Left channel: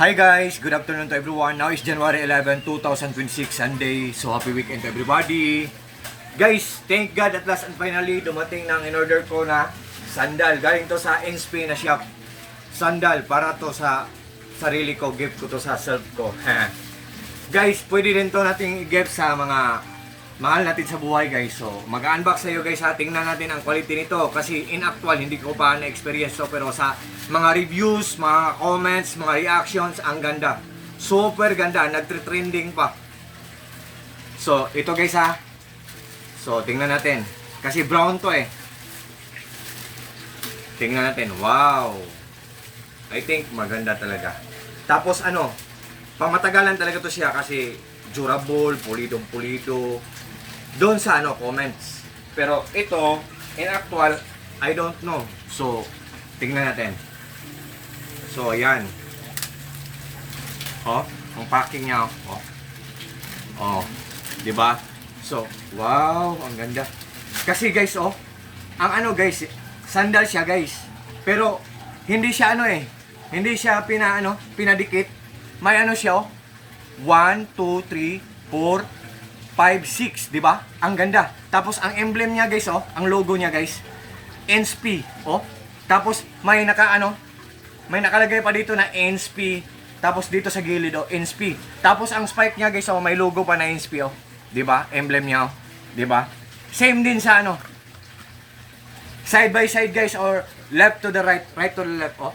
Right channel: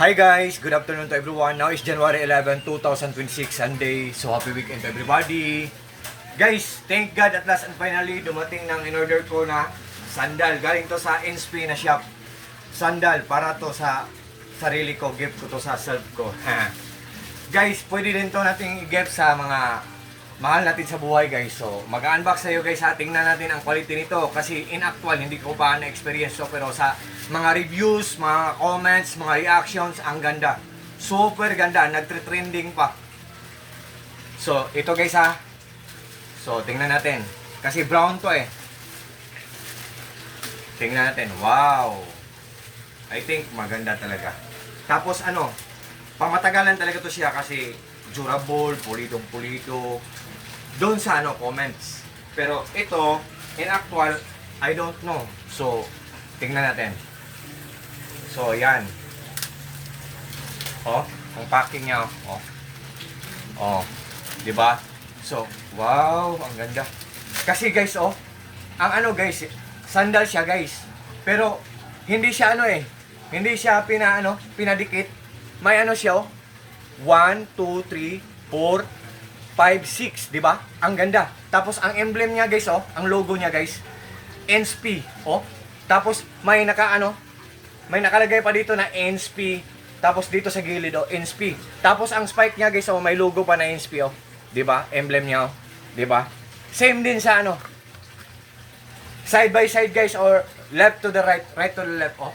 Hi guys, good afternoon to everyone. Now is January 11, 2026, Sunday. So happy weekend to everybody. Guys, thank God at last and finally dumating ng in-order ko na sandal. Galing to sa NSP na shop. Sandal para to sa sarili ko, gift ko to sa self ko. Guys, pwede rin to nating i-gift sa mga mahal natin sa buhay guys. So mag-unbox sa'yo guys ha. Tingnan natin ang quality nito. Kasi in actual hindi ko pa na-experience to. Pero sa mga reviews, mga comments, mga reactions, ang ganda. Super ganda. Nagtre-trending pa. So ito guys ha. So tingnan natin. Kasi brown to eh. Tingnan natin. Wow. I think maganda talaga. Tapos ano, pamatagalan talaga to siya kasi durable, pulidong-pulido. Doon sa ano, comments. Pero ito, in actual, I don't know. So, tingnan natin. So, ayan. Oh, ang packing niya. Oh. Oh, 'di ba? So, wow, ang ganda. Kasi guys, oh, ang ano guys, sandal siya guys. Pero hindi siya ano eh. Hindi siya pinadikit. May ano siya oh. 1 2 3 4 5 6, 'di ba? Ang ganda. Tapos ang emblem niya guys, oh, ang logo niya guys, NSP, oh. Tapos may may nakalagay pa dito na NSP. Tapos dito sa gilid oh, NSP. Tapos ang spike niya guys, oh, may logo pa na NSP, oh. 'Di ba? Emblem niya, oh. 'Di ba? Same din sa ano. Side by side guys or left to the right, right to the left, oh.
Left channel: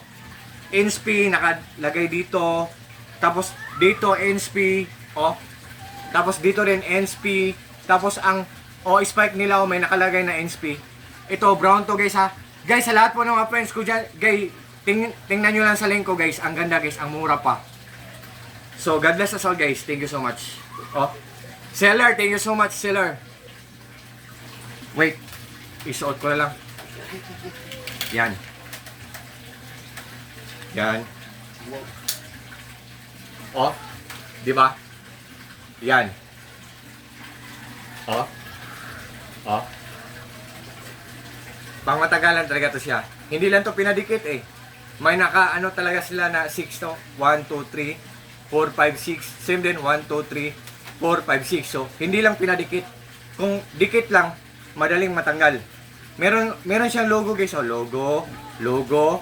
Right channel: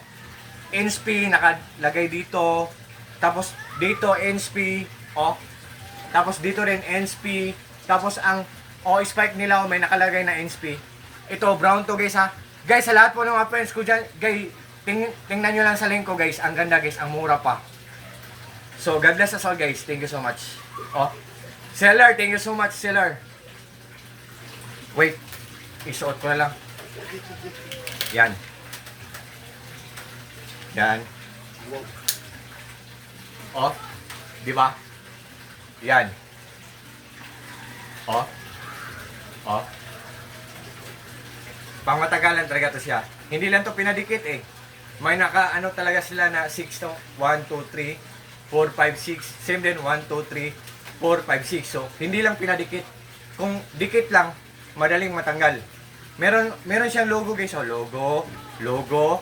NSP nakalagay dito. Tapos dito NSP, oh. Tapos dito rin NSP. Tapos ang spike nila may nakalagay na NSP. Ito brown to guys ha. Guys, sa lahat po ng mga friends ko dyan, guys, tingnan nyo lang sa link ko guys. Ang ganda guys, ang mura pa. So God bless us all guys. Thank you so much. Oh. Seller, thank you so much seller. Wait. Isuot ko na lang. Yan. Yan. Oh. 'Di ba? Yan. Oh. Oh. Pangmatagalan talaga to siya. Hindi lang to pinadikit eh. May ano talaga sila na 6 to. 1, 2, 3, 4, 5, 6. Same din. 1, 2, 3, 4, 5, 6. So, hindi lang pinadikit. Kung dikit lang, madaling matanggal. Meron siyang logo guys. Oh, logo.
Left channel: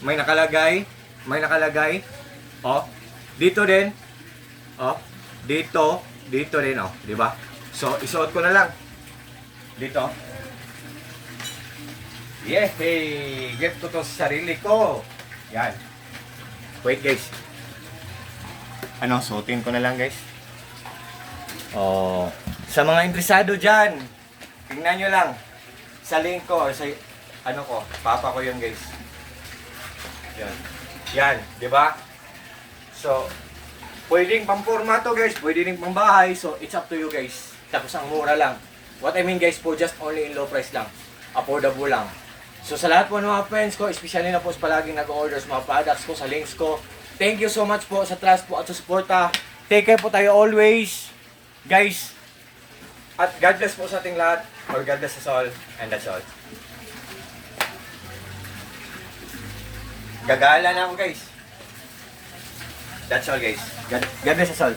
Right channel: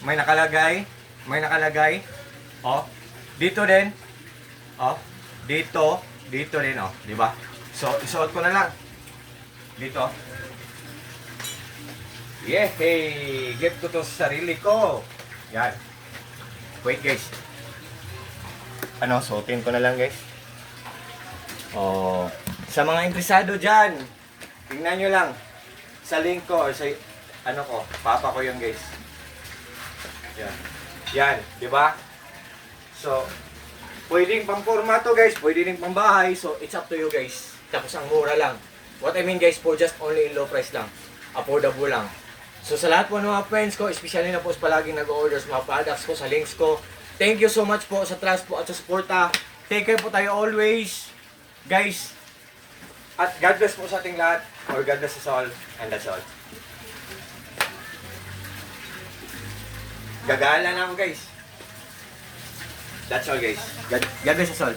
May nakalagay. Oh. Dito din. Oh. Dito din oh, 'di ba? So, isuot ko na lang. Dito. Yehey! Get ko to sa sarili ko. Yan. Wait guys. Suotin ko na lang guys. Oh, sa mga interesado diyan, tingnan niyo lang sa link ko or sa papa ko 'yun guys. Yan, 'di ba? So, pwedeng pang formato guys, pwede rin pang bahay. So, it's up to you guys. Tapos ang mura lang. What I mean guys po, just only in low price lang. Affordable lang. So, sa lahat po ng mga friends ko, especially na po sa palaging nag-order sa mga products ko, sa links ko. Thank you so much po sa trust po at sa suporta. Take care po tayo always. Guys. At God bless po sa ating lahat. Or God bless us all. And that's all. Gagala na ako guys. That's all guys. God bless us all.